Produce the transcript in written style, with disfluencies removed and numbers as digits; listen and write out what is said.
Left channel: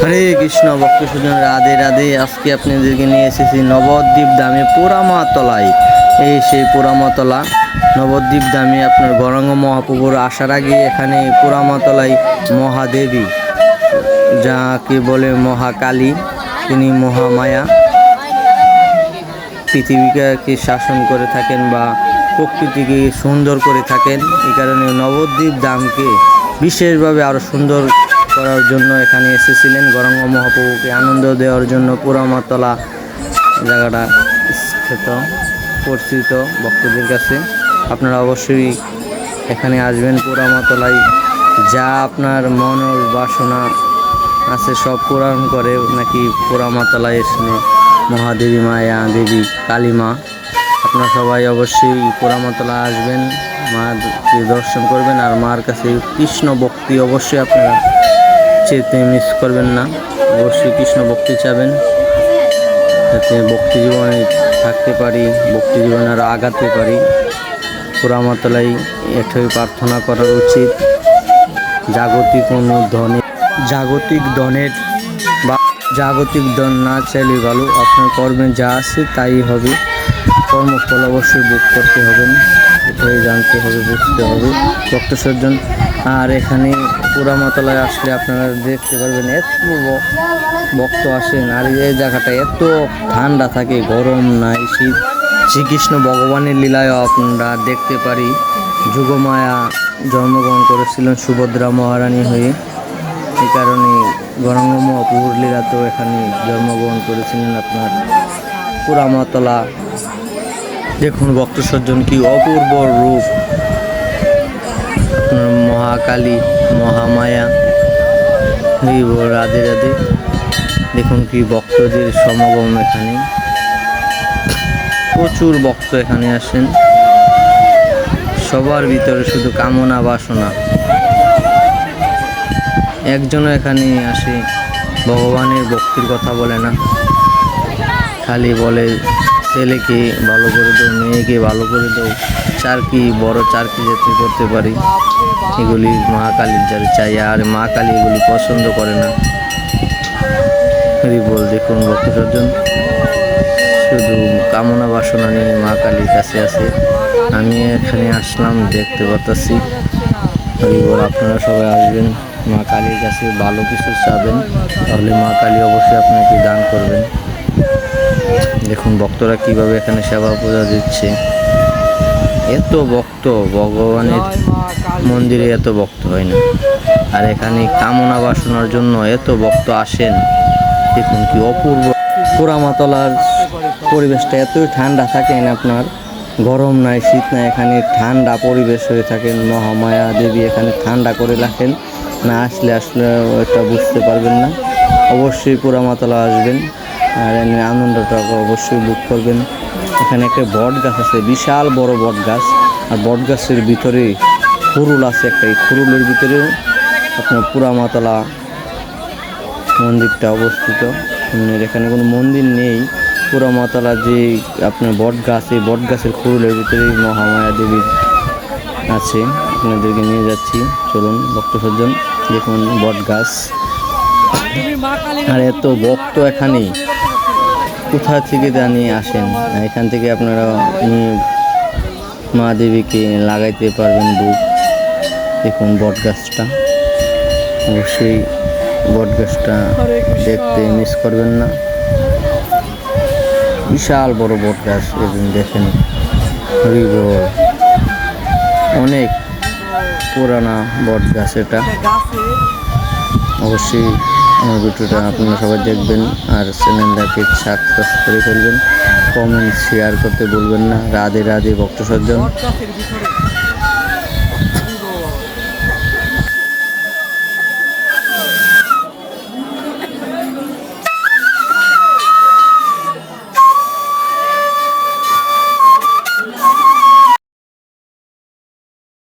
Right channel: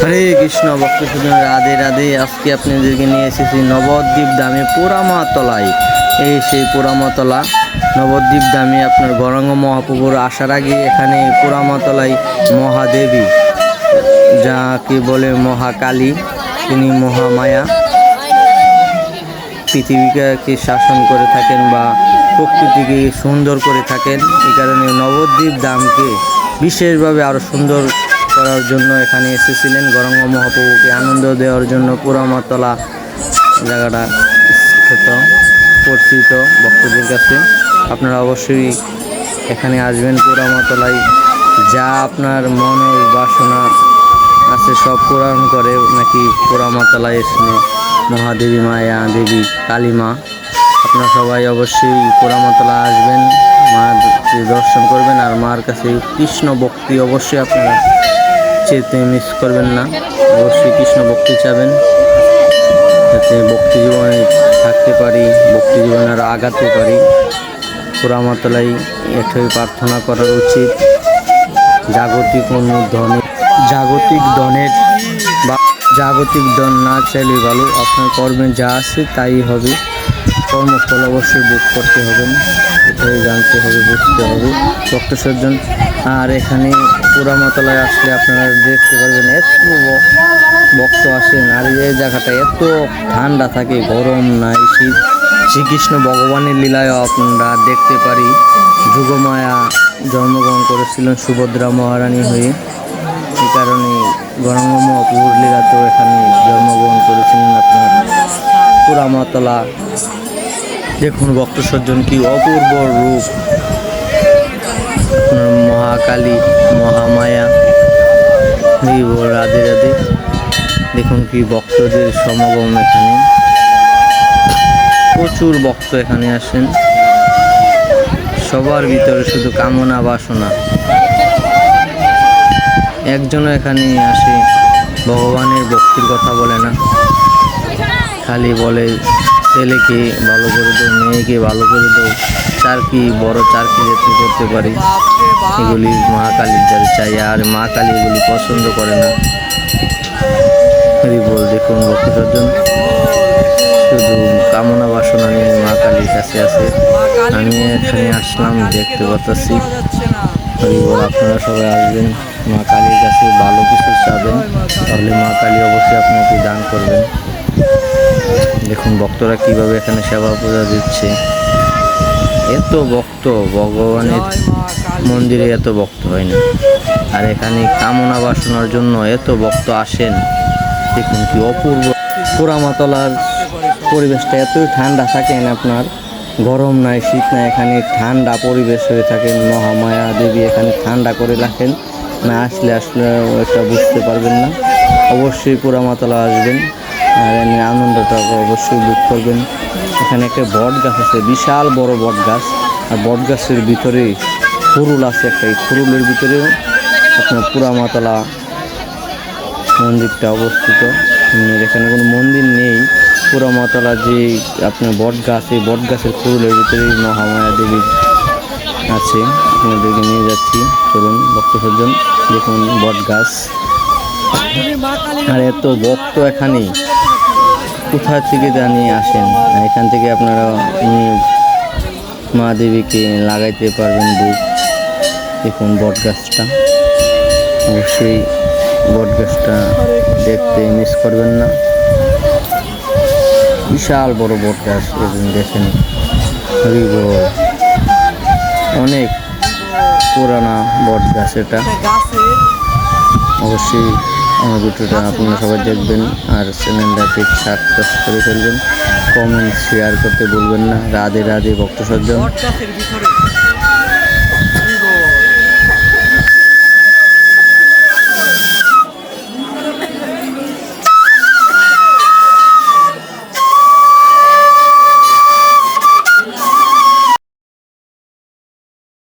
হরে কৃষ্ণ ভক্ত সুজন, রাধে রাধে। আজকে আপনাদেরকে নিয়ে এসেছি নবদ্বীপ ধামে পোড়ামাতলায়। এই সেই পোড়ামাতলা নবদ্বীপ ধামে আপনার গৌরাঙ্গ মহাপ্রভুর আসার আগে এখানে পোড়ামাতলায় মহাদেবী, যাকে বলে মহাকালী, তিনি মহামায়া, পৃথিবীকে শাসন করে থাকেন বা প্রকৃতিকে সুন্দর করে থাকেন। এই কারণে নবদ্বীপ ধামকে বিশেষভাবে আরও সুন্দর করার জন্য এখানে এসেছিলেন গৌরাঙ্গ মহাপ্রভুকে আনন্দ দেওয়ার জন্য। পোড়ামাতলা জায়গাটা খ্যাত পরিচিত ভক্তদের কাছে। আপনারা অবশ্যই এখানে আসবেন পোড়ামাতলায়। যা আপনার মনের বাসনা আছে সব পূরণ করে নাকি পোড়ামাতলায় এসে মহাদেবী, মায়া দেবী, কালী মা। আপনারা সবাই অবশ্যই পোড়ামাতলা আসবেন, মার দর্শন করবেন আর মার কাছে কৃষ্ণ ভক্তি অবশ্যই আপনারা চেতে মিস করবেন না। অবশ্যই কৃষ্ণ ভক্তি চাবেন, যাতে ভক্তি জীবনে থাকতে পারি, ভক্তি জীবনে আরও আগাতে পারি। পোড়ামাতলায় এটাই প্রার্থনা করার উচিত। জাগতিক ধনের বা জাগতিক ধন না চাইলে ভালো, আপনার কর্মে যা আছে তাই হবে। কর্মফল অবশ্যই ভোগ করতে হবেন, এটাই জানতে হবে, বুঝতে হবে ভক্ত সজ্জন। আর এখানে পোড়ামাতলায় আসলে আপনারা দেখতে পারবেন এত ভক্ত আসেন, আর এই জায়গাটা এত ঠান্ডা থাকে, গরম নাই শীত। শ্রীকৃষ্ণ ভগবানের লীলায়ও আপনারা দেখতে পারি। যুগমায়া জন্মগ্রহণ করেছিলেন সুভদ্রা মহারানী হয়ে, এই কারণে গৌরাঙ্গ মহাপ্রভুর লীলাতেও এখানে জন্মগ্রহণ করেছিলেন আপনার পোড়ামাতলা। দেখুন ভক্ত সজ্জন, কি অপূর্ব রূপ আপনার মহাকালী, মহামায়া। রাধে রাধে। দেখুন কি ভক্তদের সমাগম, এখানে প্রচুর ভক্ত এখানে আসেন। সবার ভিতরে শুধু কামনা বাসনা। একজনও এখানে আসে ভগবানের ভক্তির কথা বলে না, খালি বলে ছেলেকে ভালো করে দাও, মেয়েকে ভালো করে দাও, চারকি বড় চারকি যাতে করতে পারি, এগুলি মা কালীর যারা চাই। আর মা কালী এগুলি পছন্দ করে না। বল দেখুন ভক্ত সজ্জন, শুধু কামনা বাসনা নিয়ে মা কালীর কাছে আছে। আমি এখানে আসলাম, দেখতে পাচ্ছি। হরিবল, আপনারা সবাই আসবেন মা কালীর কাছে, ভালো কিছু চাবেন, তাহলে মা কালী অবশ্যই আপনাকে দান করবেন। দেখুন ভক্তরা কিভাবে এখানে সেবা পূজা দিচ্ছে। এত ভক্ত, ভগবানের মন্দিরে এত ভক্ত হয় না, আর এখানে কামনা বাসনার জন্য এত ভক্ত আসেন। দেখুন কি অপূর্ব। পোড়ামাতলার পরিবেশটা এতই ঠান্ডা থাকেন, আপনার গরম নাই শীত নাই, এখানে ঠান্ডা পরিবেশ হয়ে থাকেন। মহামায়া দেবী এখানে ঠান্ডা করে রাখেন। না আসলে এটা বুঝতে পারবেন না। অবশ্যই পোড়ামাতলা আসবেন আর এনে আনন্দটা অবশ্যই বুক করবেন। এখানে একটা বট গাছ আছে, বিশাল বড় বট গাছ, আর বট গাছের ভিতরে খুরুল আছে একটা। এই খুরুলের ভিতরে আপনার পোড়ামাতলা মন্দিরটা অবস্থিত। এখানে কোনো মন্দির নেই। পোড়ামাতলা যে আপনার বট গাছ, এই বট গাছের খুরুলের ভিতরেই মহামায়া দেবীর আছে। আপনাদেরকে নিয়ে যাচ্ছি, চলুন ভক্ত সজ্জন। দেখুন বট গাছ, আর এত ভক্ত এখানে কোথা থেকে জানিয়ে আসেন। এখান থেকে আপনারা মা দেবীকে লাগাইতে পারবেন বুক। দেখুন বট গাছটা, অবশ্যই বট গাছটা দেখতে মিস করবেন না। বিশাল বড় বট গাছ, দেখেন। হরিবল, অনেক পুরানা বট গাছ এটা। অবশ্যই আমার ভিডিওটা আপনারা সবাই দেখবেন, আর চ্যানেলটাকে সাবস্ক্রাইব করে ফেলবেন, কমেন্ট শেয়ার করতে ভুলবেন না। রাধে রাধে ভক্ত সজ্জন।